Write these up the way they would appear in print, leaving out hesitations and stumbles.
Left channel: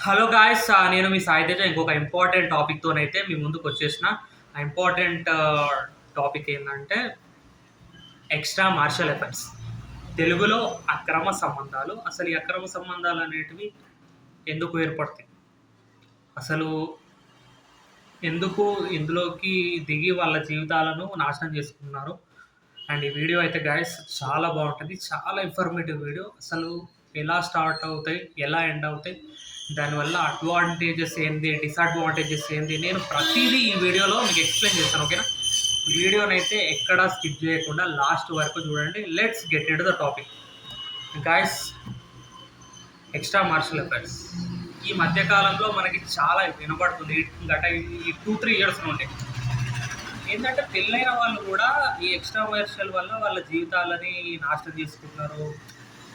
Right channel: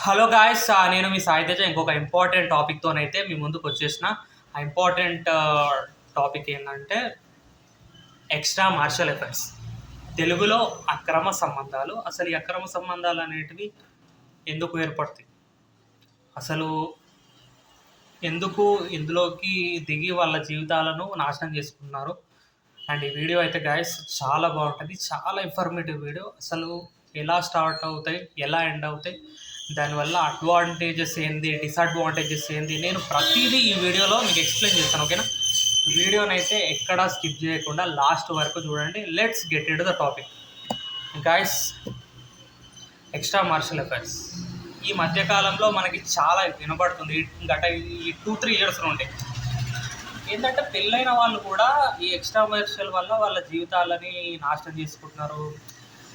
Hello guys, నేను మీ సాయి తేజ. ఇంకొక important టాపిక్‌తోనైతే మీ ముందుకు వచ్చేసిన. ఆ ఇంపార్టెంట్ టాపిక్ ఏందంటే ఎక్స్‌ట్రా మార్షల్ ఎఫెక్ట్స్. తెలుగులో అక్రమ సంబంధాలు. అసలు ఈ అక్రమ సంబంధాలనేటివి ఎందుకు ఏర్పడతాయి? అసలు ఎందుకు ఇందులోకి దిగి వాళ్ళ జీవితాలను నాశనం చేసుకున్నారు? అండ్ ఈ వీడియో అయితే గాయ్స్ చాలా బావుంటది. చాలా ఇన్ఫర్మేటివ్ వీడియో. అసలు ఎలా స్టార్ట్ అవుతాయి? ఎలా ఎండ్ అవుతాయి? దానివల్ల అడ్వాంటేజెస్ ఏంది? డిసడ్వాంటేజెస్ ఏంది? నేను ప్రతీదీ ఈ వీడియోలో మీకు ఎక్స్‌ప్లెయిన్ చేస్తాను. ఓకేనా? వీడియోనైతే ఎక్కడా స్కిప్ చేయకుండా లాస్ట్ వరకు చూడండి. Let's get into the topic. Guys, extra marital effects ఈ మధ్య కాలంలో మనకి చాలా వినబడుతుంది. గత ఈ 2, 3 ఇయర్స్ నుండి. ఏంటంటే పెళ్ళైన వాళ్ళు కూడా ఈ ఎక్స్ట్రా మార్షల్ వల్ల వాళ్ళ జీవితాలని నాశనం చేసుకుంటున్నారు.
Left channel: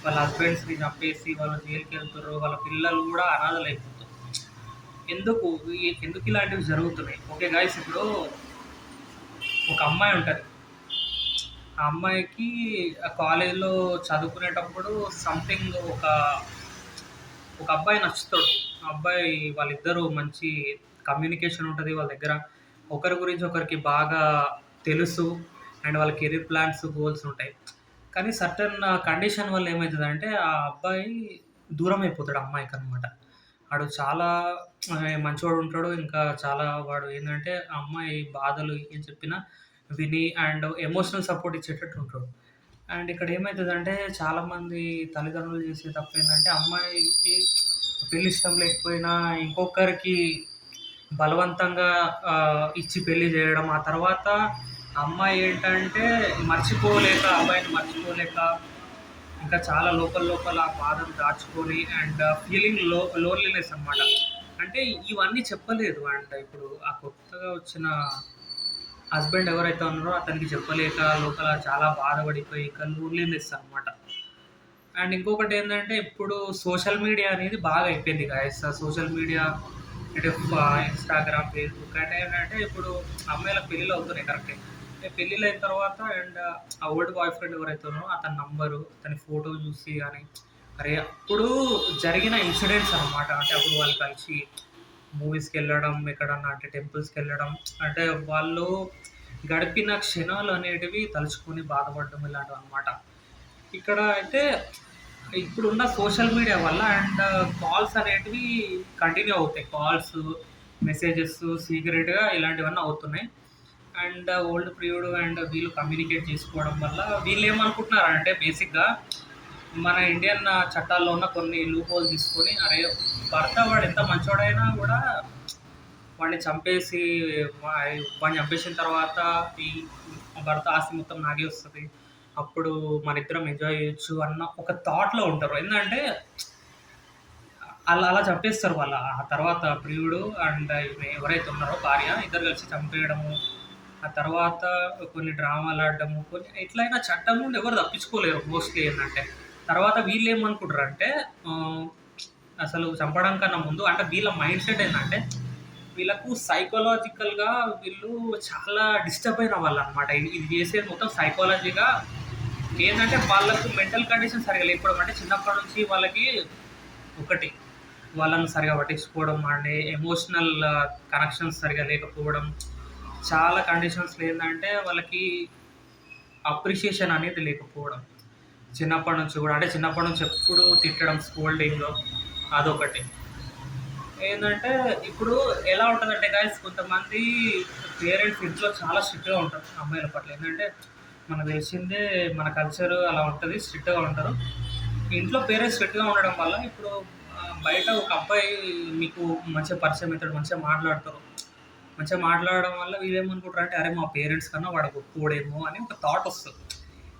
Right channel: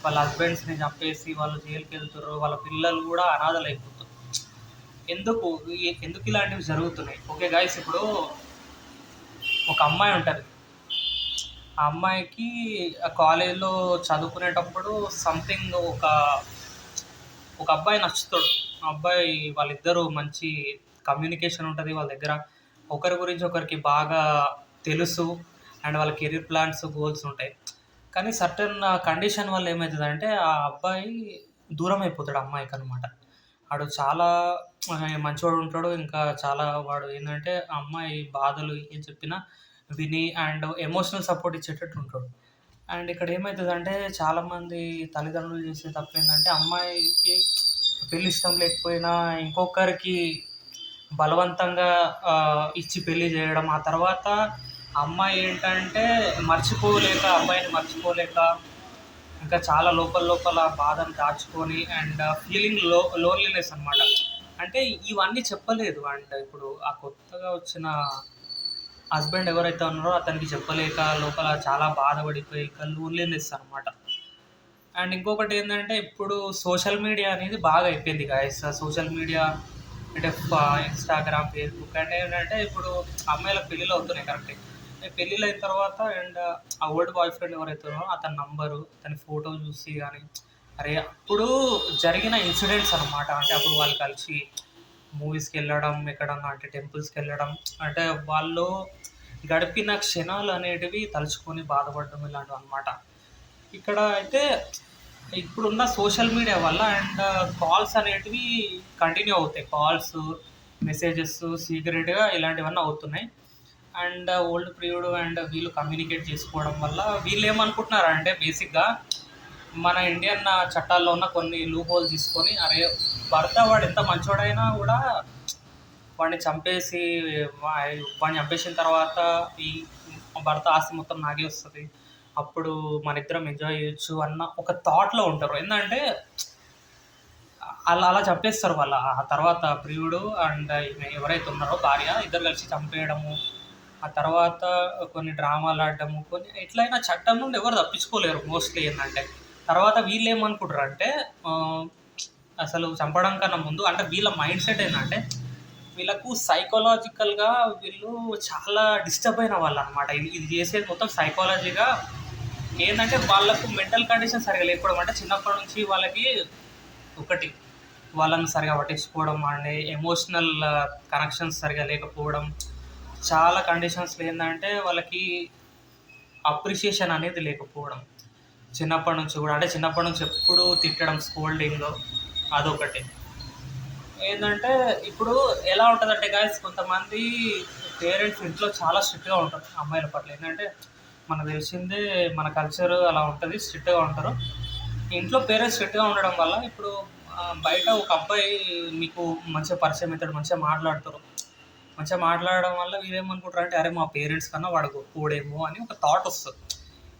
వాళ్ళ హస్బెండ్స్‌ని చంపేసి వాళ్ళు జైలుకెళ్తుర్రు. వాళ్ళ పిల్లలు కూడా అనాథలైపోతున్నారు. ఎందుకు? ఎందుకు ఇలాంటివి జరుగుతున్నాయి? ఓకే గాయ్స్, ఇప్పుడు ఒక అమ్మాయి ఉంటది. ఆ అమ్మాయికి కాలేజ్‌లో చదువుకునేటప్పుడు సంథింగ్ ఒక అబ్బాయి నచ్చుతాడు. ఆ అబ్బాయి వాళ్ళిద్దరూ మంచి కమ్యూనికేషన్ ఉంటది వాళ్ళ దగ్గర. ఒకరి గురించి ఒకరికి బాగా తెలుసు. అండ్ వాళ్ళ కెరీర్ ప్లాన్స్, గోల్స్ ఉంటాయి. కానీ సర్టెన్ కండిషన్ వల్ల ఏమైతదంటే ఆ అబ్బాయి దూరమైపోతాడు అమ్మాయికనమాట. ఆడు చాలా మంచోడు ఉంటాడు. ఇంకా చాలా వాడు ఏందంటే ఆ అమ్మాయి బాధలు ఏం చెప్పినా విని అండ్ ఎమోషనల్ సపోర్ట్ ఇచ్చేటట్టు ఉంటాడు. అండ్ ఇక్కడ ఏమైతదంటే చాలామంది తల్లిదండ్రులు చేసే తప్పేందంటే అమ్మాయికి పెళ్లి ఇష్టం లేకపోయినా ఇంకొకరికి బలవంతంగా ఇచ్చి పెళ్లి చేయడం. ఆ తర్వాత ఆ అమ్మాయి ఏంటంటే అబ్బాయిని మర్చిపోలేక ఇంకా చాలా లోపల లోపల బాధను దాచుకొని అండ్ ఫీలింగ్ లోన్లీనెస్ అనమాట. అంటే ఇవన్నీ చెప్పలేదు. అండ్ ఇప్పుడు ఆ కొత్తగా వచ్చిన హస్బెండ్ ఎవరైతే ఉన్నారో అతనికి చెప్పలేక లోపల చాలా బాధపడిపోయి ఇంకా లోన్లీనెస్ అనమాట. అండ్ ఇంకొకటి ఏంటంటే ఇప్పుడు సోషల్ మీడియా అనేది బాగా అయిపోయింది గాయస్. సోషల్ మీడియా అంటే ఇన్‌స్టాగ్రామ్, ఫేస్‌బుక్ అంటే ఏంటంటే ఇప్పుడు అమ్మాయిలకు పెళ్ళిళ్ళు అవుతున్నాయి కరెక్టే. పెళ్ళిళ్ళు అయిన తర్వాత అండ్ ఆ ఓల్డ్ బాయ్ ఫ్రెండ్ ఎవరైతే ఉన్నారో అతని నంబరు, అతని ఫోటో చూసి గాని, అరే అప్పుడు జరిగిన ఇన్సిడెంట్స్ అనమాట. అంటే అప్పుడు వాళ్ళు కలిసి మూవీస్‌కెళ్ళడం, ఎక్కడన్నా అంటే టెంపుల్స్‌కెళ్ళడం, అంటే వాళ్ళు గడిపిన క్షణాలు అనేటివి తలుచుకొని బాధపడడం ఇలాంటివన్నమాట. ఇక్కడ అయితే ఇప్పుడున్న సోషల్ మీడియా వల్ల అండ్ కాల్స్ అనేటివి కంటిన్యూ అవుతాయి. కాల్స్, మెసేజెస్ సీక్రెట్‌గా ఇలాంటివన్నీ అవుతున్నాయి. అండ్ ఓల్డ్ ప్రియుడు అండ్ వీళ్ళు కమ్యూనికేట్ చేసుకోవడం వల్ల వీళ్ళేమనుకుంటున్నారంటే బేసిక్‌గా మన ఇండియన్ చట్టాల్లో ఉన్న కొన్ని లూప్ హోల్స్ తీసుకొని, అరే భర్త వాడు ఎంత మంచోడైనా గూడా వాడిని చంపేసి వాడిని చంపేసిన తర్వాత ఈ భర్త ఆస్తి మొత్తం నాకే వస్తది. అప్పుడు మనిద్దరం ఎంజాయ్ చేయొచ్చు అన్న ఒక థాట్‌లో ఉంటారు. ఏందంటే అలా అలా చంపేస్తారు వాళ్ళు. ఆ తర్వాత ప్రియుడు అండ్ ఈమె ఎవరైతే ఉన్నారో భార్య ఇద్దరు కలిసి చంపేయడము. ఆ తర్వాత కొన్ని డ్రామాలాడడము. కొన్ని ఎట్లైనా చట్టం నుండి ఎవరు తప్పించుకోలేరు మోస్ట్‌లీ ఏందంటే. తర్వాత వీళ్ళేమనుకుంటారంటే ఆహ్, అసలు చంపడం కన్నా ముందు అంటే వీళ్ళ మైండ్ సెట్ ఏందంటే వీళ్ళకు సైకలాజికల్‌గా వీళ్ళు చాలా డిస్టర్బ్ అయిన వాళ్ళనమాట. ఇది చేసేది మొత్తం సైకాలజీగా ఏందంటే వాళ్ళకు మెంటల్ కండిషన్ సరిగ్గా లేకపోవడం. అంటే చిన్నప్పటి నుంచి వాళ్ళకి ఒకటి వాళ్ళని సరిగ్గా పట్టించుకోవడం అండ్ ఎమోషనల్ కనెక్షన్స్ సరిగ్గా లేకపోవడం. చాలా కండిషన్స్‌లో ఏందంటే వాళ్ళకి అప్రిషియేషన్ అనేది లేకపోవడం. చిన్నప్పటి నుంచి గూడా అంటే చిన్నప్పటి నుంచి ఎప్పుడూ తిట్టడం, స్కోల్డింగ్ అదొకటి. ఏందంటే ఇప్పుడు ఎలా ఉంటదంటే గైస్ కొంతమంది పేరెంట్స్ ఇంట్లో చాలా స్ట్రిక్ట్‌గా ఉంటారు అమ్మాయిల పట్ల. ఏందంటే మనకు తెలిసిందే మన కల్చర్ అలా ఉంటది. స్ట్రిక్ట్‌గా ఉంటారు. ఇంట్లో పేరెంట్స్ స్ట్రిక్ట్‌గా ఉండడం వల్ల ఇప్పుడు బయట ఒక అబ్బాయి మీకు మంచిగా పరిచయం అయితాడు. మంచిగా మాట్లాడతారు. మంచిగా మాట్లాడడం వల్ల వీళ్ళేమనుకుంటారంటే అరే మా పేరెంట్స్ కన్నా వాడు గొప్పోడేమో అని ఒక థాట్ వస్తది.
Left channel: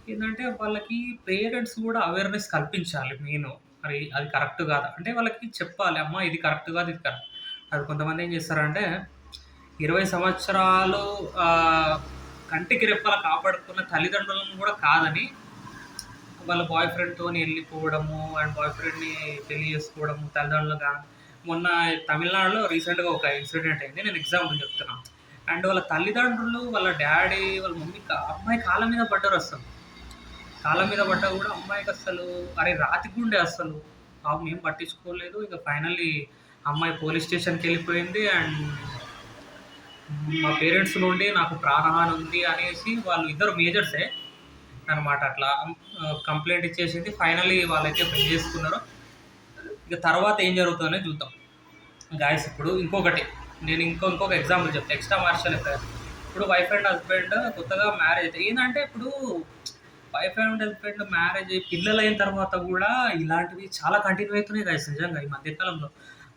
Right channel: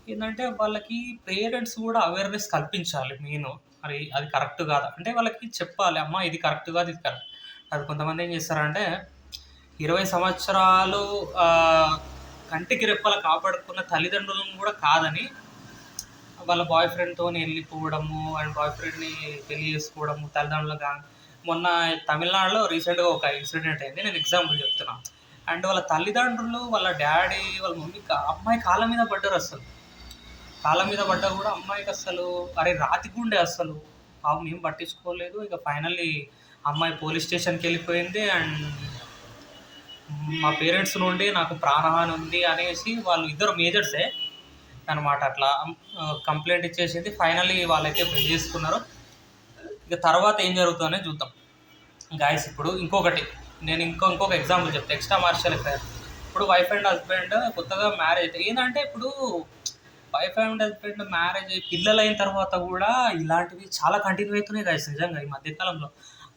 ఏందంటే వాళ్ళకి పేరెంట్స్ కూడా అవేర్‌నెస్ కల్పించాలి మెయిను. మరి అది కరెక్ట్ కాదా? అంటే వాళ్ళకి చెప్పాలి. అమ్మ ఇది కరెక్ట్ కాదు, ఇది కరెక్ట్. అది కొంతమంది ఏం చేస్తారంటే 20 సంవత్సరాలు ఆహ్, కంటికి రెప్పలా కాపాడుకున్న తల్లిదండ్రులను కూడా కాదని వాళ్ళ బాయ్ ఫ్రెండ్‌తోని ఎళ్ళిపోవడము అండ్ బాయ్ ఫ్రెండ్‌ని పెళ్లి చేసుకోవడము తల్లిదండ్రులుగా. మొన్న తమిళనాడులో రీసెంట్‌గా ఒక ఇన్సిడెంట్ అయింది. నేను ఎగ్జాంపుల్ చెప్తున్నా. అండ్ వాళ్ళ తల్లిదండ్రులు, వాళ్ళ డ్యాడీ, వాళ్ళ మమ్మీ అమ్మాయి కాళ్ళ మీద పడ్డారసలు. కాళ్ళ మీద పడ్డా గూడా అమ్మాయికసలు అరే! రాతి గుండె అస్సలు. పాపం ఏం పట్టించుకోలేదు. ఇక ఫైనల్లీ అమ్మాయి పోలీస్ స్టేషన్‌కి వెళ్ళిపోయింది. అండ్ మా పేరెంట్స్ నుండి నాకు ప్రాణహాని ఉంది అనేసి వాళ్ళు ఇద్దరు మేజర్సే అనమాట. అట్లా కంప్లెయింట్ ఇచ్చేసింది. ఫైనల్లీ వాళ్ళైతే పెళ్లి చేసుకున్నారు. ఇక తర్వాత ఏం జరుగుతుందనే చూద్దాం. గాయ్స్ ఇప్పుడు ఇంకొకటి నేను ఇంకొక ఎగ్జాంపుల్ చెప్తా. Extra marital affair. ఇప్పుడు వైఫ్ అండ్ హస్బెండ్ కొత్తగా మ్యారేజ్ అయితే ఏంటంటే ఇప్పుడు వైఫ్ అండ్ హస్బెండ్ మ్యారేజ్ అయ్యి పిల్లలైన తర్వాత కూడా ఇలాంటివి చాలా కంటిన్యూ అవుతున్నాయి గాయ్స్ నిజంగా ఈ మధ్యకాలంలో.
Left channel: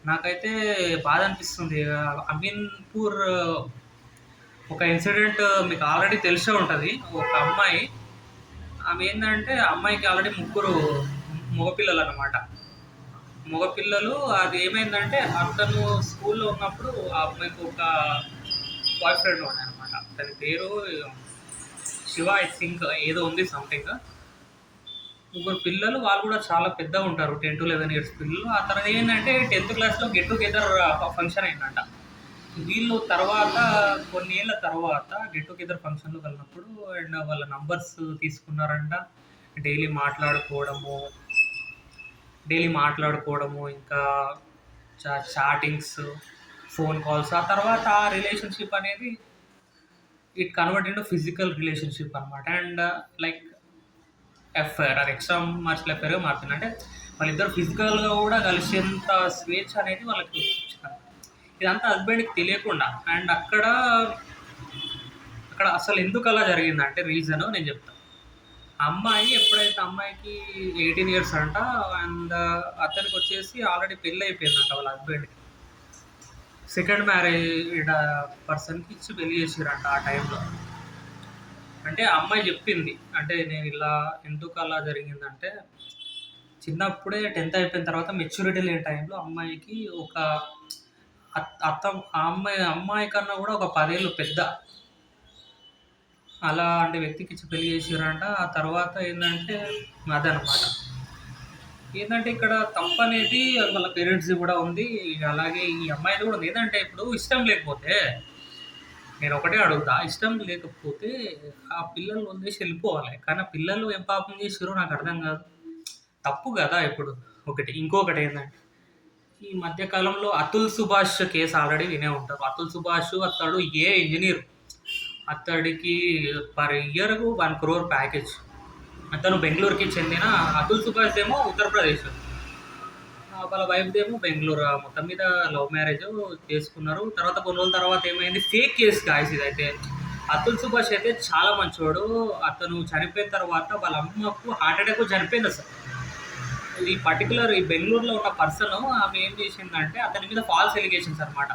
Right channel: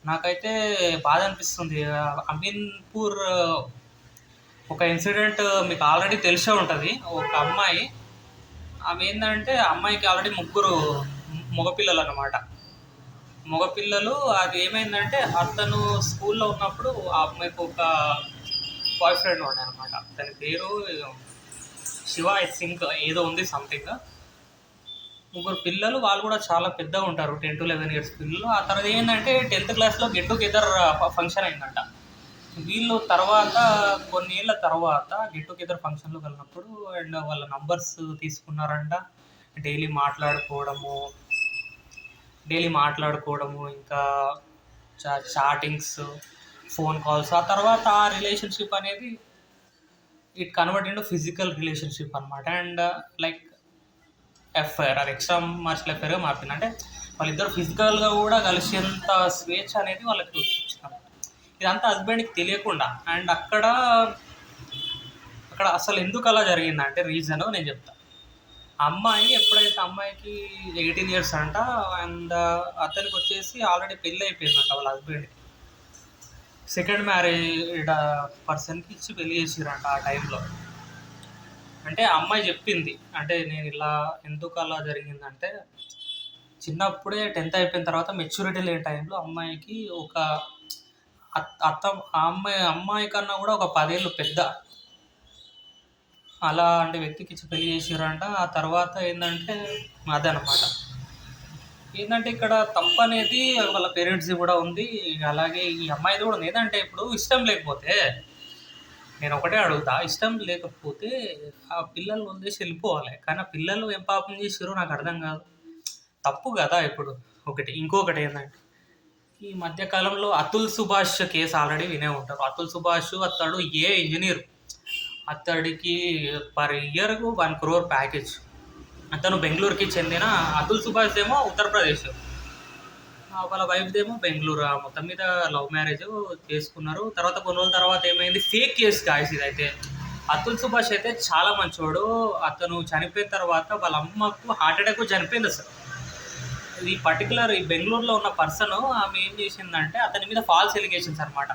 నాకైతే బాధ అనిపిస్తుంది. అమీన్పూర్ ఒక ఇన్సిడెంట్ మీకు ఆల్రెడీ తెలిసే ఉంటుంది. ఒక అమ్మాయి ఆమె ఏంటంటే అమ్మాయికి ఆల్రెడీ ముగ్గురు మగపిల్లలు అనమాట. మగపిల్లలు అది ఏమైందంటే అతను స్కూల్లో ఉన్నప్పుడు ఆ అమ్మాయికి ఒక బాయ్ ఫ్రెండ్ ఉండే అనమాట. తన పేరు శివ ఐ థింక్ ఏదో ఉంది సంథింగ్. ముగ్గురు పిల్లలు వాళ్ళు కూడా చాలా పెద్దగా ఉంటారు, 10 to 11 years పిల్లలు. ఆ తర్వాత ఏంటంటే 10th క్లాస్లో గెట్ టుగెదర్ ఫంక్షన్ అయిందంట. వీళ్ళు తర్వాత కొన్ని ఏళ్ళ తర్వాత గెట్ టుగెదర్ ఫంక్షన్లో కలిగినప్పుడు అండ్ వాళ్ళ నంబర్స్ తీసుకున్నారంట. డైలీ మాట్లాడుకోవడము ఇంకా చాటింగ్స్, ఫోన్ కాల్స్. ఆ తర్వాత ఆ రిలేషన్షిప్ అనేది it convert into physical relationship అనమాట. అండ్ లైక్ ఎఫ్ఐఆర్ అది ఎక్స్ట్రా మార్షల్ ఎఫ్ఐఆర్గా మారుతుంది. అంటే వాళ్ళిద్దరు ఫిజికల్గా కూడా కలిసేంత స్వేచ్ఛ అనేది వాళ్ళకి వచ్చింది. ఇదంతా హస్బెండ్కి తెలియకుండా. అండ్ అక్కడ అసలు ఎందుకు అలా జరిగిందంటే రీజన్ నేను చెప్తాను. అమ్మాయి ఎప్పుడైతే అమ్మాయికి 18 years అంట. అండ్ అతనికి వచ్చేసి ఆల్రెడీ పెళ్ళి అయిపోయిందంట వాళ్ళ హస్బెండ్కి. సెకండ్ మ్యారేడ్ పర్సన్కి ఇచ్చి పెళ్లి చేసిరంట ఆ టైంలో. అంటే అమ్మాయి చెప్పింది అంటే నేను ఇలా ఎందుకు అలా జరిగిందంటే చిన్నప్పుడే 10th అయిపోయిన తర్వాత మెచ్యూరిటీ లేని టైంలో అమ్మాయికి ఒక అమ్మాయి కన్నా కూడా ఒక 10 ఏళ్ళు పెద్ద అలాంటి వ్యక్తికి ఇచ్చి పెళ్లి చేసిరంట. ఆ తర్వాత ఏంటంటే అదనమాట. ఏంటంటే ఇక్కడ తప్పు అనేది వాళ్ళ పేరెంట్స్ది కూడా ఉంది. అలాగే ఈ అమ్మాయిది కూడా ఉంది. ఏంటంటే ఇప్పుడు ఇష్టం లేకపోతే నేను ఒకటే అడుగుతా, ఇష్టం లేకపోతే ఆ పిల్లల్ని వదిలేసి వెళ్ళిపోవాలి. కానీ ఆ పిల్లలు ఏం పాపం చేసిర్రో నాకు అర్థం కాదు. తప్పు కదా ఇప్పుడు. ఇంకొకటి ఏంటంటే ఈ మధ్య కాలంలో అతుల్ సుభాష్ కేసు ఆల్రెడీ వినే ఉంటారు. అతుల్ సుభాష్ అతడు ఇంజనీర్. అతడికి పర్ ఇయర్‌కు 1 crore ప్యాకేజ్. అతను బెంగుళూరుకి చెందిన అతుల్ సుభాష్ ఏమో ఉత్తరప్రదేశ్. వాళ్ళ వైఫ్‌దేమో బెంగుళూరు. మొత్తం మీద లవ్ మ్యారేజ్ చేసుకున్నారు. తర్వాత కొన్ని రోజుల తర్వాత ఏమైంది, ఫేక్ కేస్ గాయ్స్ ఇదైతే. అతుల్ సుభాష్ అయితే చాలా మంచోడు. అతను చనిపోయిన తర్వాత వాళ్ళ అమ్మకు హార్ట్ అటాక్ చనిపోయింది అసలు. ఈ పర్టికులర్ ఈ బెంగుళూరులో ఉన్న పర్సన్ ఆమె ఏం చేసిందంటే అతని మీద ఫాల్స్ ఎలిగేషన్స్ అనమాట.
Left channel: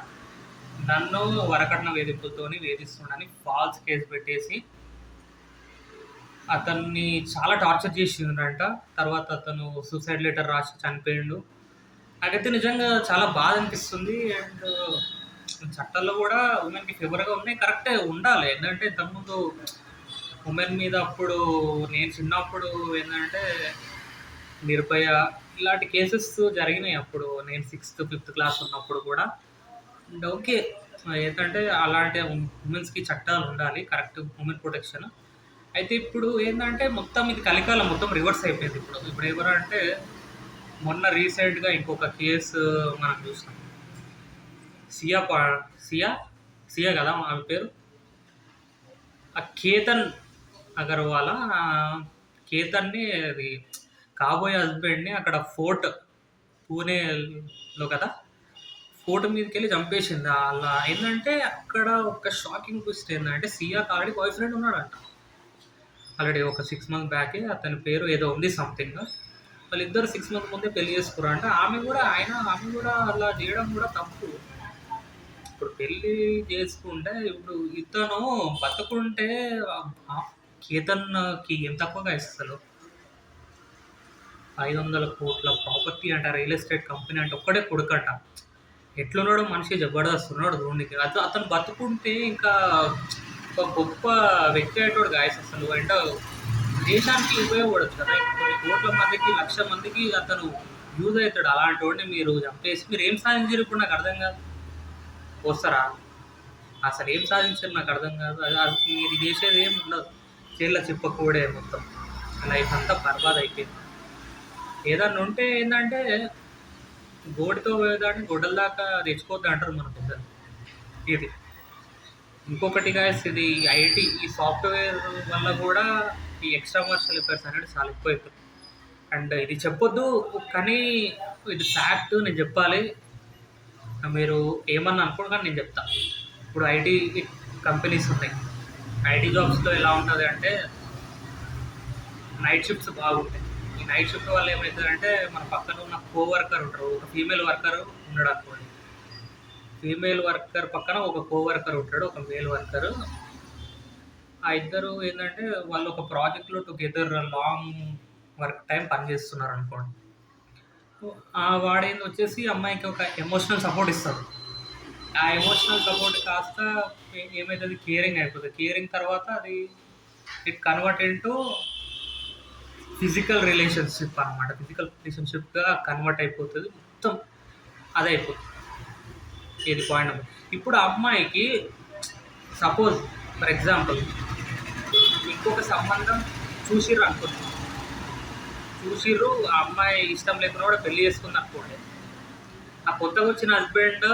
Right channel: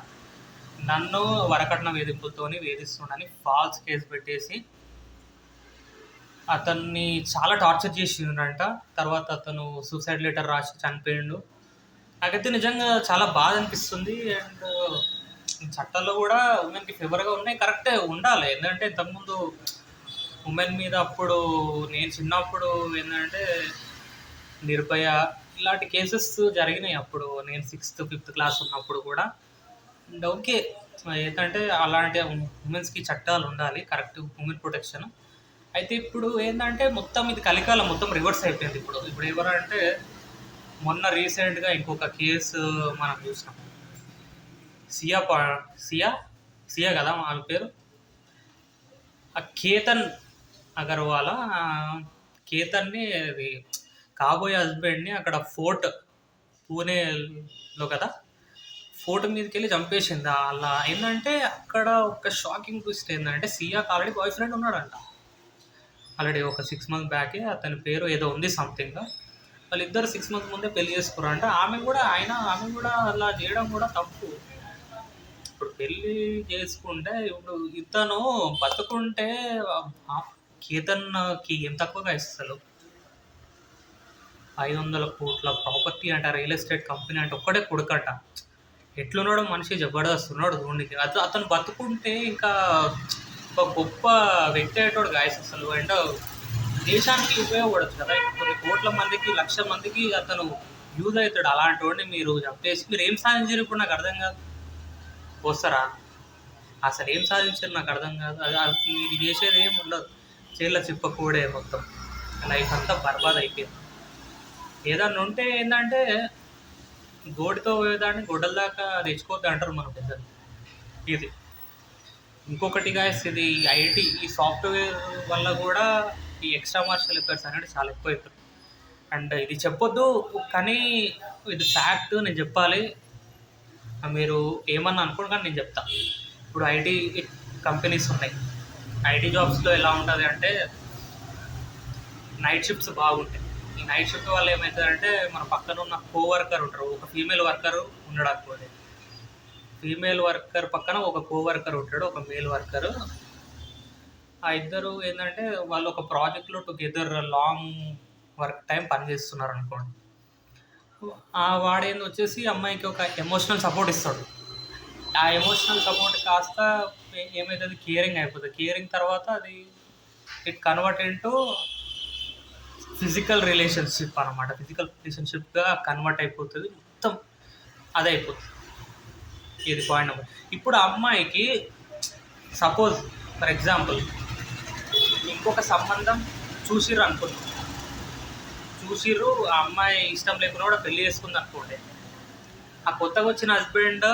నన్ను వరకట్న వేధింపులతోని వేధిస్తుండని ఫాల్స్ కేసు పెట్టేసి అతన్ని చాలా టార్చర్ చేసిండంట. తర్వాత అతను సూసైడ్ లెటర్ రాసి చనిపోయిండు. నాకైతే నిజంగా చాలా బాధ అనిపిస్తుంది. అండ్ చట్టాల్లో కూడా ఉమెన్కి ఫేవర్గా ఉన్నాయి, కరెక్టే ఉండాలి. ఏంటంటే ఇంతకుముందు ఉమెన్ మీద అప్పుడు నేను చిన్నప్పుడు ఏంటంటే నిర్భయ ఇలాంటి కేసెస్ జరిగినాయి. అప్పుడు నేను 6th 5th క్లాస్ ఉన్నప్పుడు కూడా. అండ్ ఓకే ఏంటంటే అలాంటి ఉమెన్స్కి చట్టాలు ఉండాలి, కరెక్ట్ ఉమెన్ ప్రొటెక్షన్. అయితే ఇప్పుడు ఏంటంటే మొత్తం ఇది కలికాలం మొత్తం రివర్స్ అయిపోయింది. ఇప్పుడు ఎవరంటే మొన్న రీసెంట్గా ఇంకొక కేసు మనం చూసినాం. సియా సియా సియా కదా ఆమె పేరు. ఆ కేతన్ అగర్వాల కేతన్ని అది కాబోయే హస్బెండ్ని అక్కడ ఫోర్ట్ పూణేలో కదా, ఫోర్ట్ మీదకి వెళ్ళి చంపేసింది. అలా ఏంటంటే అక్కడ ఒక షాకింగ్ ట్విస్ట్ ఏంటంటే సియాకి ఆల్రెడీ బాయ్ ఫ్రెండ్ ఉన్నాడంట. ఆల్రెడీ ఒక 6 months బ్యాకే. అతని పేరు ఏదో ఉంది సంథింగ్. వాళ్ళిద్దరు 6 months ముందే పెళ్లి చేసుకున్నారంట. ఆమె కూడా అలా చేయడం కూడా తప్పు. ఇప్పుడు పెళ్ళి చేసుకుంటే ఇప్పుడు ఇతను బతుకుంటే కేతన్కి ఏం తక్కువగా ఇస్తారు. 500 కోట్ల ప్రాపర్టీ అంట, రియల్ ఎస్టేట్ కంపెనీ అంటే ఒక్కడే కొడుకంట. ఎట్లున్నాడో మనిషి జబర్దస్త్ ఉన్నాడు చూడడానికి. అతను బతుకుంటే ఇంకా ఒక గొప్ప వ్యక్తి అయ్యేటోడు గాయస్ అసలు. అండ్ దేశానికి ఉపయోగపడచ్చు కదా. కొన్ని కోట్ల మందికి, 1,00,000 మందికి అతను యూజ్ అవుతాడు. అలాంటి వాడిని మీరు చంపేసి మీరు ఏం సాధించారు ఇప్పుడు నాకు అర్థం కాదు. వస్తారా అసలు ఏం సాధించారు నాకు అర్థం కాదు. మీరు చేసేది ఏమి ఉండదు. చేళ్ళ చెప్పకూడే మొత్తం లైఫ్ అంతా బర్బాద్ అయిపోయింది. ఏదన్నా ఉంటే ఏంటంటే గోటితో పోయేదాన్ని గొడ్డల దాకా తెచ్చుకోవద్దు అంటారు మన పెద్దలు. ఇది ఇంకొకటి గాయస్, ఇది ఐటీ ఈ సాఫ్ట్వేర్ వల్ల కూడా ఈ ఎక్స్ట్రా మార్షల్ ఎఫర్ట్స్ అనేది చాలా ఎక్కువైపోతుంది. అండ్ ఇది చెప్పొద్దు కానీ ఇది ఫ్యాక్ట్, నేను చెప్పాలి. మీరు ఏమన్నా అనుకోండి కానీ నేను చెప్తా. ఇప్పుడు ఐటీ కంపెనీస్ ఉన్నాయి. ఐటీ జాబ్స్లో ఎలా ఉంటుంది అంటే నైట్ షిఫ్ట్స్ బాగుంటాయి. ఈ నైట్ షిఫ్ట్ వల్ల ఏమవుతుందంటే మన పక్కన ఉన్న కోవర్కర్ ఉంటారు, ఒక ఫీమేల్ వర్కర్ ఉన్నాడు అనుకోండి. ఫీమేల్ వర్కర్ పక్కన ఒక కోవర్కర్ ఉంటాడు, ఒక మేల్ వర్కర్. ఆ ఇద్దరు ఏంటంటే వాళ్ళు ఒక ప్రాజెక్ట్లో టుగెదర్ లాంగ్ వర్క్ టైం పనిచేస్తున్నారు అనుకోండి. వాడేంది వచ్చేసి అమ్మాయికి ఒక ఎమోషనల్ సపోర్ట్ ఇస్తాడు. ఆ ఎమోషనల్ సపోర్ట్ కాస్త ఏమవుతుంది, కేరింగ్ అయిపోతుంది. కేరింగ్ తర్వాత అది it convert into physical relationship అనమాట. ఫిజికల్ రిలేషన్షిప్గా కన్వర్ట్ అయిపోతుంది, మొత్తం అదే అయిపోతుంది. ఇది పాయింట్ నెంబర్. ఇప్పుడు ఆ అమ్మాయికి సపోజ్ ఫర్ ఎగ్జాంపుల్ ఇంకొక సంబంధం చూసిర్రు అనుకోండి, చూసిర్రు ఆ అమ్మాయి ఇష్టం లేకుండా కూడా పెళ్లి చేసుకుంది అనుకోండి. ఆ కొత్తగా వచ్చిన హస్బెండ్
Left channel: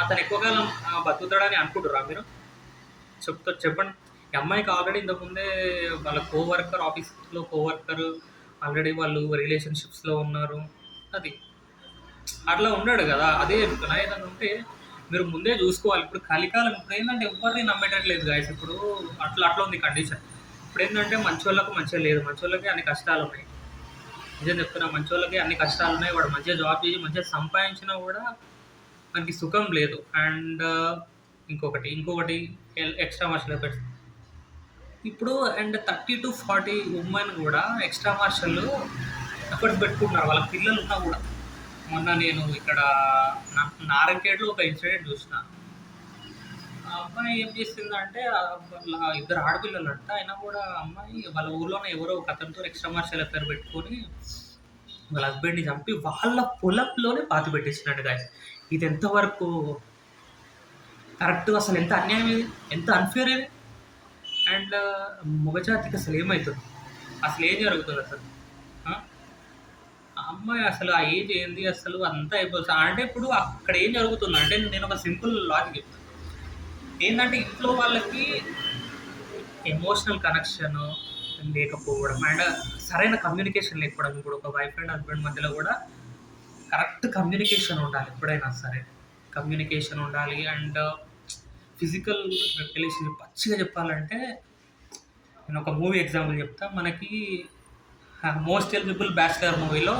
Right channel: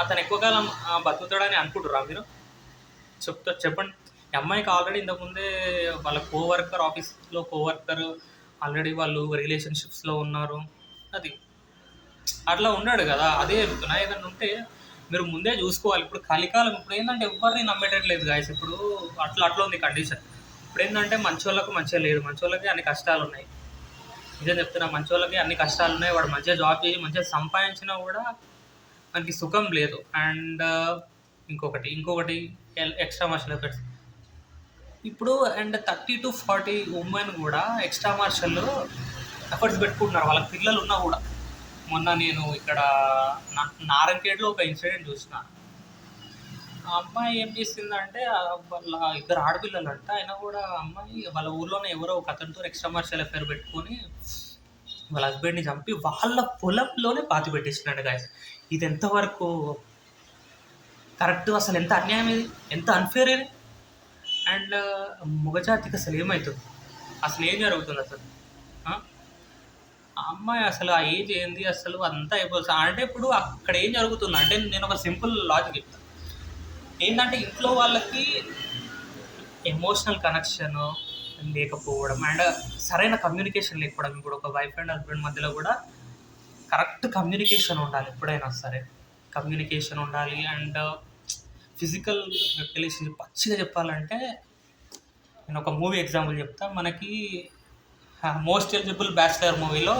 అతను ఎక్కువ కాలం బతుకుతాడని అనుకుంటురా మీరు? చెప్పండి. ఈ అమ్మాయికి ఆల్రెడీ ఇంతకుముందే వాళ్ళ కోవర్కర్, ఆఫీస్లో కోవర్కర్ ఆల్రెడీ వాళ్ళు రిలేషన్షిప్స్లో ఉన్నారు. అది అట్లా ఉన్నాడు కదా. అదే చెప్తున్నా, ఏదన్నా ఉంటే మీరు ముందే చూసుకోవాలి. ఇప్పుడు కలికాలం, ఇప్పుడు ఏంటంటే ఎవరిని నమ్మేటట్లేదు గాయస్. ఇప్పుడు అట్లా అట్లా ఉంది కండిషన్. ఇప్పుడు ఏంటంటే మంచోళ్ళకు మంచిగా లేదు, మంచోళ్ళకి అన్ని కష్టాలు ఉన్నాయి. నిజం చెప్తున్నా, మంచోళ్ళకి అన్ని కష్టాలు ఉన్నాయి. వాడు మంచిగా జాబ్ చేసి మంచిగా సంపాదించినా కూడా మనకి సుఖం లేదు. అండ్ ఇంకొకటి ఎక్స్ట్రా మార్షల్ ఎఫర్ట్స్. ఇప్పుడు అండ్ 30 to 40 ఉమెన్ కూడా ఎక్స్ట్రా మార్షల్ ఎఫర్ట్స్ పెట్టుకుంటున్నారు, వాళ్ళకి పిల్లలు ఉన్నా కూడా. మొన్న నేను ఇక్కడ నారంకేడ్లో ఒక ఇన్సిడెంట్ చూసిన. ఆ అమ్మాయి ఏం చేసిందంటే వాళ్ళ ఇద్దరు ఆడపిల్లలు అంట, అయినా కూడా అమ్మాయి వాళ్ళ ఊర్లోనే ఎవరో ఒక అతనితో ఎక్స్ట్రా మార్షల్ అఫేర్ పెట్టుకొని వాళ్ళ హస్బెండ్ని చంపి వాళ్ళ పొలంలోనే పాతి పెట్టేసినాడు గాయస్. ఇది ఎంతవరకు కరెక్ట్? అసలు ఎంత అన్యాయం ఇది, ఎంత అన్ఫేర్ ఇది. అండ్ మగజాతికి అసలు ఏమవుతుంది, అసలు ఏం జరుగుతుంది అసలు? ఆ అమ్మాయి అసలు ఆ ఏజ్ ఏంది అసలు అంతా అయిపోతుంది అంటే. ఇప్పుడు అక్కడ ఏం జరుగుతుంది అంటే, నేను ఒక సింపుల్ లాజిక్ చెప్తాను. ఏంటంటే ఇంట్లో వాళ్ళకి ఎమోషనల్ కనెక్షన్ లేకపోవడం అండ్ సరైన కమ్యూనికేషన్ లేకపోవడం. ఇప్పుడు ఒక వైఫ్ అండ్ హస్బెండ్ మధ్యలో కూడా కరెక్ట్ కమ్యూనికేషన్ ఉండాలి. ఎప్పుడైనా సరే కమ్యూనికేషన్ ఉండాలి. అండ్ ఫిజికల్ రిలేషన్షిప్ పచ్చిగా చెప్పాలంటే, నేను ఒక మూవీ ఎగ్జాంపుల్ చెప్తా. మనకి మోస్ట్ ఎలిజిబుల్ బ్యాచిలర్ మూవీలో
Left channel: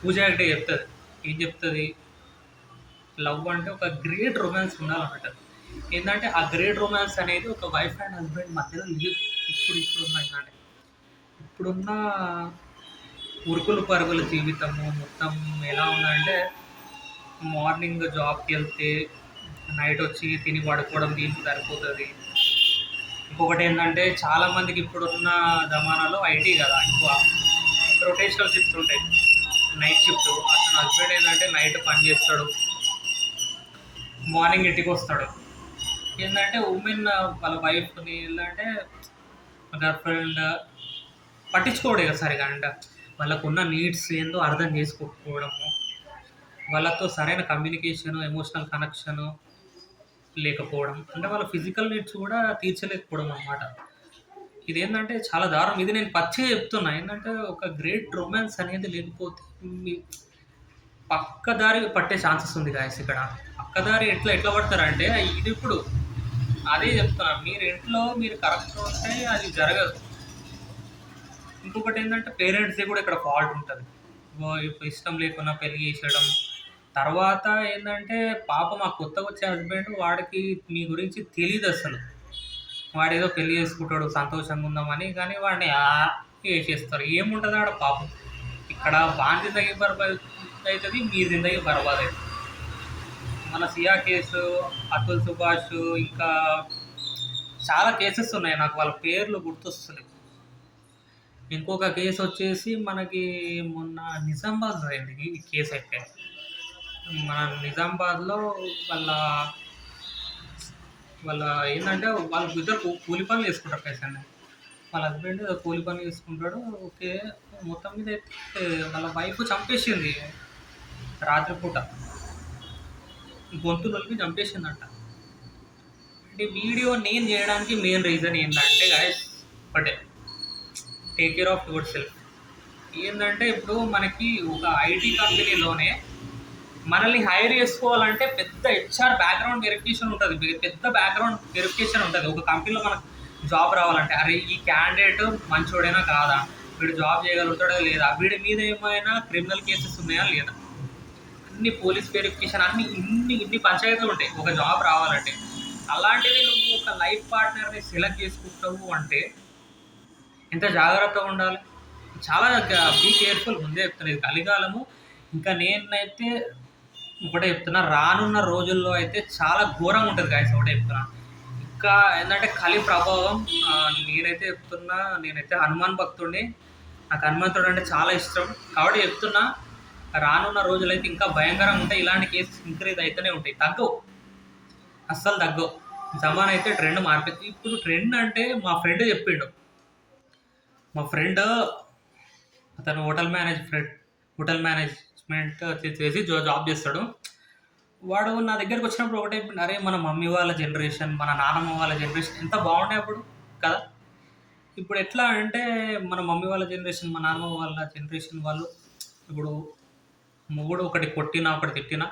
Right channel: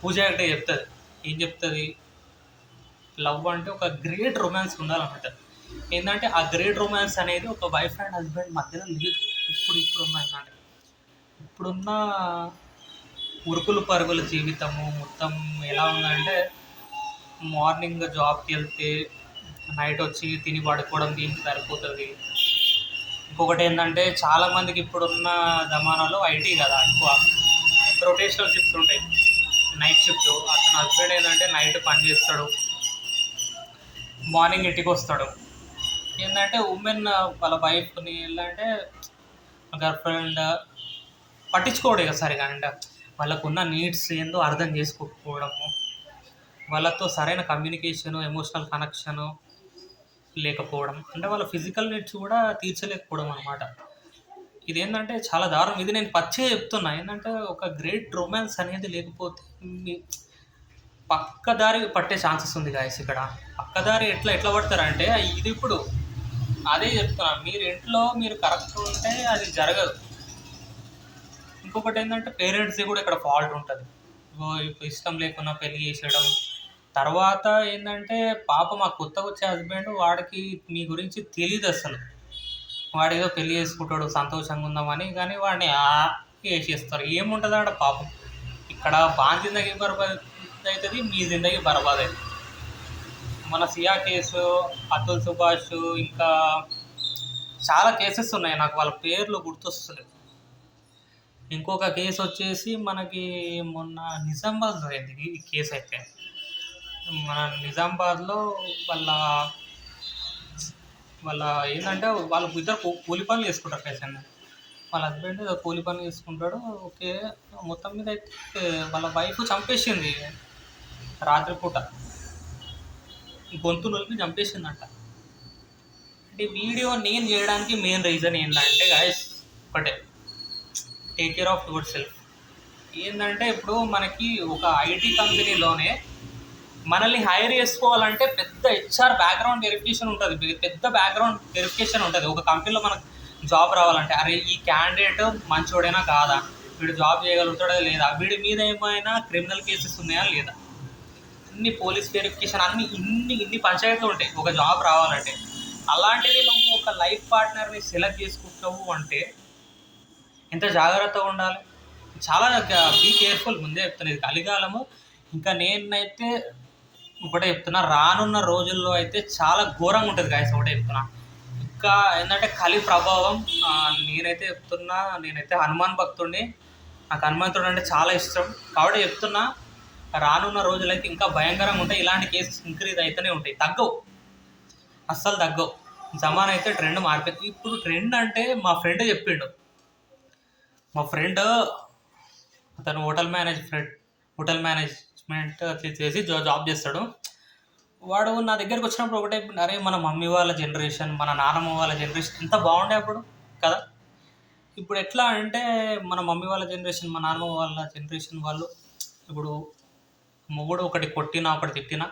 పూజ హెగ్డే చెప్తుంది. ఏం చెప్తుంది? లవ్ అంటే ఒక గ్రేట్ రొమాన్స్ ఉండాలన్నమాట. ఏంటంటే ఆ గ్రేట్ రొమాన్స్ అనేది ఒక వైఫ్ అండ్ హస్బెండ్ మధ్యలో లేదు. ఇప్పుడున్న ఏంటంటే ఇప్పుడున్న ఉరుకులు పరుగుల జీవితము మొత్తం ఎలా ఉందంటే, మార్నింగ్ జాబ్కి వెళ్తే నైట్ వచ్చి తిని పడుకోవడం దీనికి సరిపోతుంది. ఇంకొకటి ఏంటంటే చాలామందికి ఇప్పుడున్న జమానాలో ఐటీ కదా ఎక్కువ, రొటేషనల్ షిఫ్ట్స్ ఉంటాయి. నైట్ షిఫ్ట్, అతను హస్బెండ్ ఏంటంటే నైట్ పని చేస్తాడు, మార్నింగ్ ఇంటికి వస్తాడు. ఏంటంటే ఉమెన్ వాళ్ళ వైఫ్ని ఏంటంటే గర్ల్ ఫ్రెండ్ పట్టించుకోవడం ఇక సరిగా. అండ్ వాళ్ళకున్న నీడ్స్ ఏందో అర్థం చేసుకోకపోవడము, వాళ్ళతో సరైన కమ్యూనికేషను, ఎమోషనల్ కనెక్షను లేకపోవడం, అంటే వాళ్ళ ఫిజికల్ నీడ్స్ కూడా తీర్చలేకపోవడం అన్నమాట. ఇదేంటంటే చాలా దారుణం. ఇది నేను పచ్చిగా చెప్తున్నా. ఏంటంటే ఒక గ్రేట్ రొమాన్స్ అనేది లేకపోతే పక్కదారి పట్టే ఛాన్సెస్ ఉంది గాయస్. ఇక్కడ పక్కదారి ఎట్లా పడతారంటే, ఇది ఇప్పుడు అదే చెప్తున్నా, మీరు ఇంట్లో మీరు కరెక్ట్ ఉంటే అది జరగదు. ఇంకొకటి ఏంటంటే పేరెంట్స్ది కూడా ఇక్కడ ఫాల్ట్ ఉంటుంది. ఇప్పుడు ఇష్టం లేకుండా పెళ్లి చేసేయడం. తర్వాత ఏంటంటే పాపం ఆ కొత్తగా వచ్చే హస్బెండ్, వాడికి మీ గురించి తెలియదు అసలు. వాడేదో పెళ్లి చేసుకుంటాడు సంతోషంగా ఉందామని, కానీ వాడిని చేసేస్తారు. ఏముంటుంది ఆడ పాపం. ఇక్కడ వాని జిందగీ బర్బాద్ అవుతుంది, మీ జిందగీ బర్బాద్ అవుతుంది. మన సియా కేసు, అతుల్ సుభాష్, ఇంకా చాలా కేసెస్ ఉన్నాయి, నాకు వాళ్ళ పేర్లు గుర్తొస్తున్నాయి. ఇంకొక కేసు వచ్చేసి మనకి మొన్న నిజామాబాద్లో అయింది ఈ కేసు. అయితే మన నిజామాబాద్లో వాళ్ళ వాళ్ళ ఏంటంటే వాళ్ళు ఇద్దరు కూలి పనులు చేసుకుంటారు పేషెంట్. వాళ్ళ హస్బెండ్ కూలి పని చేసుకుంటాడు. ఓకే. మొత్తం మీద అయితే వాళ్ళ వైఫ్ చంపేసింది రాత్రిపూట. గొంతు నొలిపి చంపేసిందంట. అంటే వీడియో నేను చేయడానికి మెయిన్ రీజన్ ఏంటంటే గైస్ ఒకటే, take care of your self. ఏంటంటే ఇప్పుడు మనకి ఒక ఐటీ కంపెనీలోనే మనల్ని హైర్ చేసుకోవాలంటే పెద్ద హెచ్ఆర్ బ్యాక్గ్రౌండ్ వెరిఫికేషన్ ఉంటుంది, పెద్ద బ్యాక్గ్రౌండ్ వెరిఫికేషన్ ఉంటుంది. ఒక కంపెనీలో మనకు జాబ్ రావాలంటే అరే ఈ క్యాండిడేట్ మంచోడైనా కాదా, వీడు జాబ్ చేయగలుగుతాడా లేదా, వీడి మీద ఏమైనా క్రిమినల్ కేసెస్ ఉన్నాయా లేదా, అన్ని పోలీస్ వెరిఫికేషన్, అన్ని ఇన్ని పంచాయతీలు ఉంటాయి ఒక జాబ్ రావాలంటే. అలాంటిది నువ్వు ఒక లైఫ్ పార్ట్నర్ని సెలెక్ట్ చేసుకుంటావు అంటే ఎంత జాగ్రత్తగా ఉండాలి. చాలా బీ కేర్ఫుల్. ముందే చెప్తాను, ఇది కలికాలము. ఇంకా నేనైతే ఒకటే చెప్తున్నా, రానున్న రోజుల్లో అయితే చాలా ఘోరంగా ఉంటుంది గాయస్. ఒకటే చెప్తున్నా, ఇంకా ఏంటంటే కలి ప్రభావం. నేనైతే చెప్తున్నా, నేనైతే హనుమాన్ భక్తుడిని, నాకు హనుమంతుడు అంటే చాలా ఇష్టం. కాబట్టి చెప్తున్నా, రానున్న రోజులైతే ఇంకా భయంకరంగా ఉంటాయి. ఇలాంటి కేసెస్ ఇంక్రీజ్ అయితేనే ఉంటాయి, తగ్గవు, అస్సలు తగ్గవు. జమాన్ అయితే ట్రెండ్ మారిపోయింది. ఇప్పుడు ట్రెండ్ అంటే మా ఫ్రెండ్ చెప్పిండు. మా ఫ్రెండ్ అతను హోటల్ మేనేజ్మెంట్ చేసి జాబ్ చేస్తాడు. వాడు నా దగ్గరికి వచ్చినప్పుడు ఒకటే, అరే మన మమ్మీ వాళ్ళ జనరేషన్, మన నాన్నమ్మ వాళ్ళ జనరేషన్ ఎంత బాగుండే అప్పుడు కదా. ఇప్పుడు ఎట్లా అంటే మన మమ్మీ వాళ్ళ జనరేషన్, మా నాన్నమ్మ వాళ్ళ జనరేషన్ వాళ్ళు ఇప్పుడు మొగుడు ఒకటి కొట్టినా ఒకటి తిట్టినా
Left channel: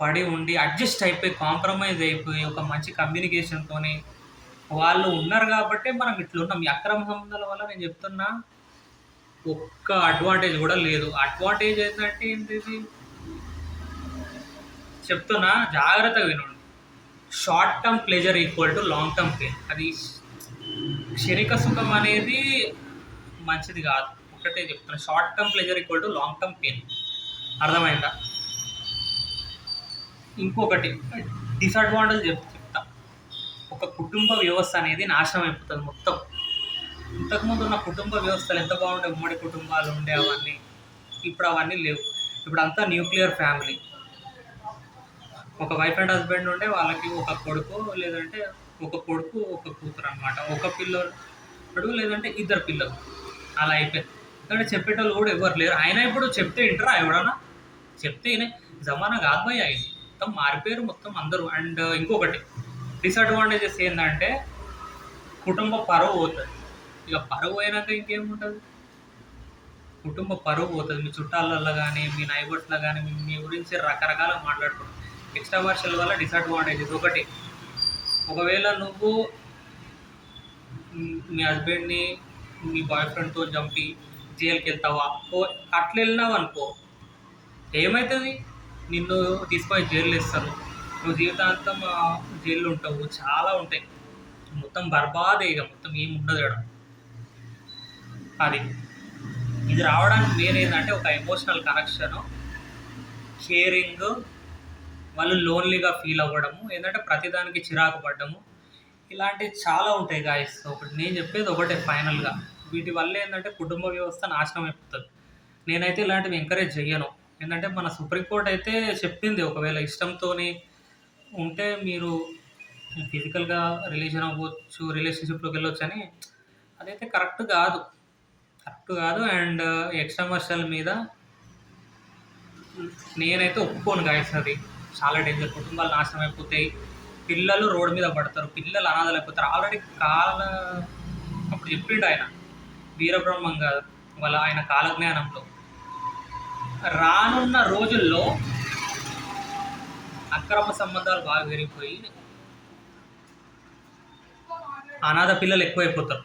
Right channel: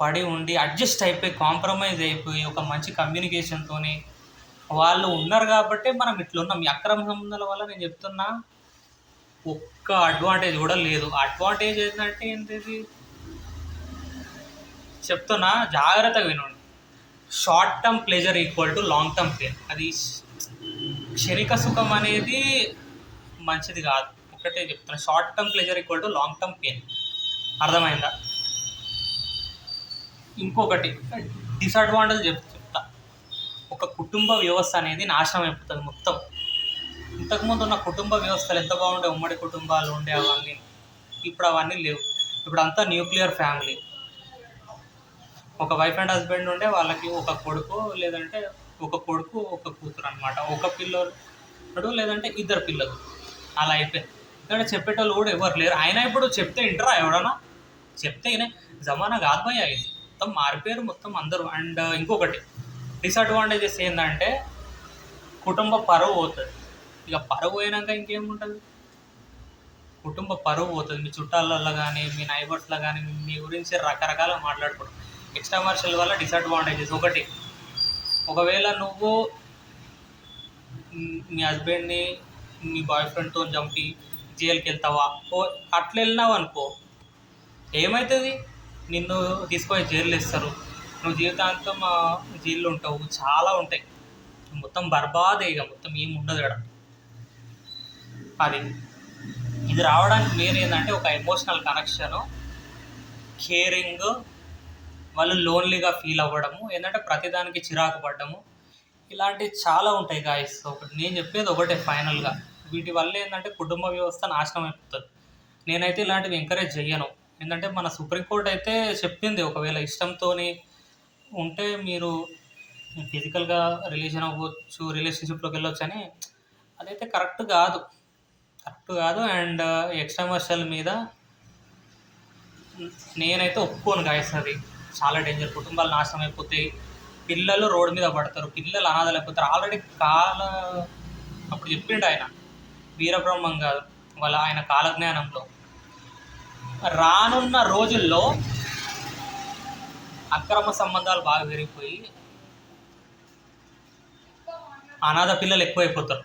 పడి ఉండి అడ్జస్ట్ అయిపోయి కాంప్రమైజ్ అయిపోయి ఒక మంచి కమ్యూనికేషన్తో వాళ్ళు ఉన్నారు. కాబట్టి మనం ఇట్లున్నాం. ఈ అక్రమ సంబంధాల వల్ల నేను చెప్తున్నా ఒక్క అడ్వాంటేజ్ కూడా లేదు. అడ్వాంటేజ్ ఏంటంటే ఏంటిది చెప్తున్నా, జాగ్రత్తగా వినండి. Short term pleasure equal to long term pain. అది క్షణిక సుఖం అనేది మంచిది కాదు. ఒకటే చెప్తున్నా, short term pleasure equal to long term pain. అర్థమైందా? ఇంకొకటి డిసడ్వాంటేజ్ చెప్తా. ఒక కుటుంబ వ్యవస్థ అనేది నాశనం అయిపోతుంది మొత్తం. ఇంతకుముందు ఉన్న కుటుంబ వ్యవస్థలు ఎంత బాగుండే, ఉమ్మడి కుటుంబాలు ఉండే అవన్నీ. ఇప్పుడు అవన్నీ లేవు. ఇప్పుడు అంతా న్యూక్లియర్ ఫ్యామిలీ. ఒక వైఫ్ అండ్ హస్బెండ్ ఉండే వాళ్ళకి ఒక కొడుకు, లేదంటే ఒక కొడుకు ఒక కూతురు అనమాట. ఒక పిల్లడు లేదంటే ఇద్దరు పిల్లలు, అలా అయిపోయింది. ఎందుకంటే చెప్పేటోళ్ళు కూడా ఎవరు లేరు. అయినా ఇప్పుడు చెప్తే వింటారా ఎవడన్నా? చెప్తే వినే జమానా కాదు భయ్యా, ఇది మొత్తం మారిపోయారు మొత్తం అందరూ. అండ్ ఇంకొకటి డిసడ్వాంటేజెస్ ఏంటంటే కుటుంబ పరువు పోతుంది. ఇక పరువు పోయినాక ఇంకేముంటుంది, కుటుంబ పరువు పోతుంది. మీ చుట్టాలల్లో కానీ మీ నైబర్స్లో కానీ మీ గురించి రకరకాలుగా మాట్లాడుకుంటారు. ఎక్స్ట్రామర్షియల్ వల్ల డిసడ్వాంటేజెస్ ఒకటి, ఒకవేళ నువ్వు మీ హస్బెండ్ని మీ బాయ్ ఫ్రెండ్తో చంపి జైలుకి వెళ్తావా, అట్లా వెళ్ళినావు అనుకో ఏమవుతుంది, నిన్ను తీసుకొని జైలు వేస్తారు, నువ్వు జీవితాంతం జైల్లో ఉంటావు. చాలా ఉంటాయి, మొత్తం బర్బాదే, ఇక మొత్తం ఏమి ఉండదు ఇక్కడ. అది ఇది రావడానికి మెయిన్ ఏంటంటే ఒక ఎమోషనల్ కనెక్షను, కేరింగ్, వాళ్ళు లోన్లీగా ఫీల్ అవ్వడము, ఏంటంటే ప్రతిదానికి చిరాకు పడ్డము, ఇలాంటివి చాలా ఉంటాయి గాయస్. ఒకటి నేను చెప్పేది ఒకటే ఫైనల్గా, వీటి వల్ల ఏంటంటే కుటుంబ వ్యవస్థ నాశనం అయిపోతుంది. నేనైతే ఇలాంటివి ఎంకరేజ్ చెయ్యను. ఏంటంటే మన సుప్రీంకోర్టు అయితే చెప్పింది, ఒకవేళ ఇష్టంతో ఉంటే మీరు ఫిజికల్గా అవ్వచ్చు, రిలేషన్షిప్లోకి వెళ్ళొచ్చు అని. అదైతే కరెక్ట్ కాదు. అండ్ ఎక్స్ట్రామర్షియల్ మీద నేనైతే ఒప్పుకోను గాయస్. అది చాలా డేంజర్. కుటుంబాలు నాశనం అయిపోతాయి, పిల్లలు రోడ్డు మీద పడతారు, పిల్లలు అనాథలు అయిపోతారు. ఆల్రెడీ అప్పుడు చెప్పిండు ఆయన వీరబ్రహ్మం గారు ఆయన కాలజ్ఞానంలో, రానున్న రోజుల్లో అక్రమ సంబంధాలు బాగా పెరిగిపోయి అనాథ పిల్లలు ఎక్కువైపోతారు.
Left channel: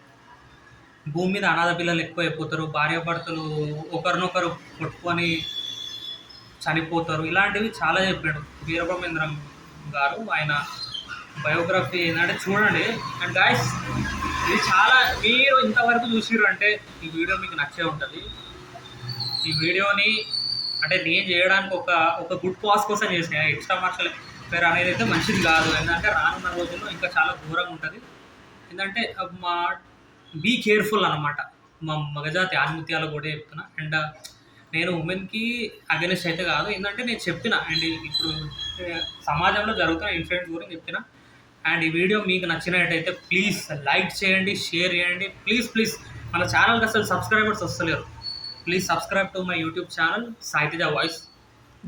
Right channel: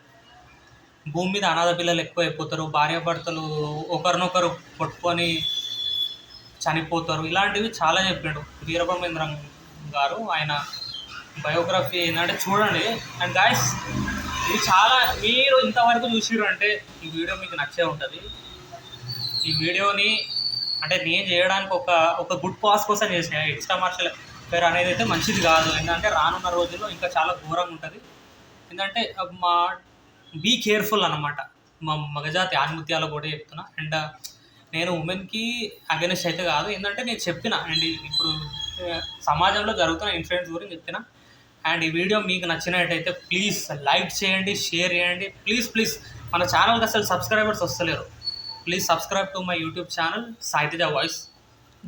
భూమి మీద అనాథ పిల్లలు ఎక్కువైపోతారు. భార్యాభర్తలు ఒకరినొకరు కొట్టుకొని చనిపోతారు. ఇలాంటివి చాలా చెప్పాడు వీరబ్రహ్మేంద్రం గారు. ఆయన బయోగ్రఫీ ఏంటంటే చూడండి. అండ్ గాయస్, ఇది చాలా, మీరు ఇంతవరకు చూసిర్రు అంటే ఈ వీడియో మీకు నచ్చే ఉంటుంది. ఈ వీడియోని అంటే నేను చేయడానికి ఒక గుడ్ కాజ్ కోసం చేసిన. ఎక్స్ట్రామర్షియల్ అఫైర్ అనేది అయితే మంచిది కాదు. ఏంటంటే రానున్న రోజుల్లో ఇంకా చాలా ఘోరంగా ఉంటుంది. ఏంటంటే బీ కేర్ఫుల్ అనమాట. మా మగజాతి ఆణిముత్యాలు కూడా చెప్తున్నా. అండ్ నేను ఉమెన్కి అగెనిస్ట్ అయితే కాదు. ఏంటంటే నేను చెప్పిన, అండ్ ఇప్పుడు సమాజంలో జరుగుతున్న ఇన్సిడెంట్స్ గురించి చెప్పిన. అండ్ ఈ వీడియో మీకు నచ్చినట్టయితే ప్లీజ్ లైక్ చేయండి, షేర్ చేయండి. ప్లీజ్ మన ఛానల్కి అసలు సబ్స్క్రైబర్స్ వస్తలేరు. Please subscribe to my YouTube channel Sai Teja voice.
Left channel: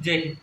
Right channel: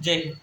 Jai Hind.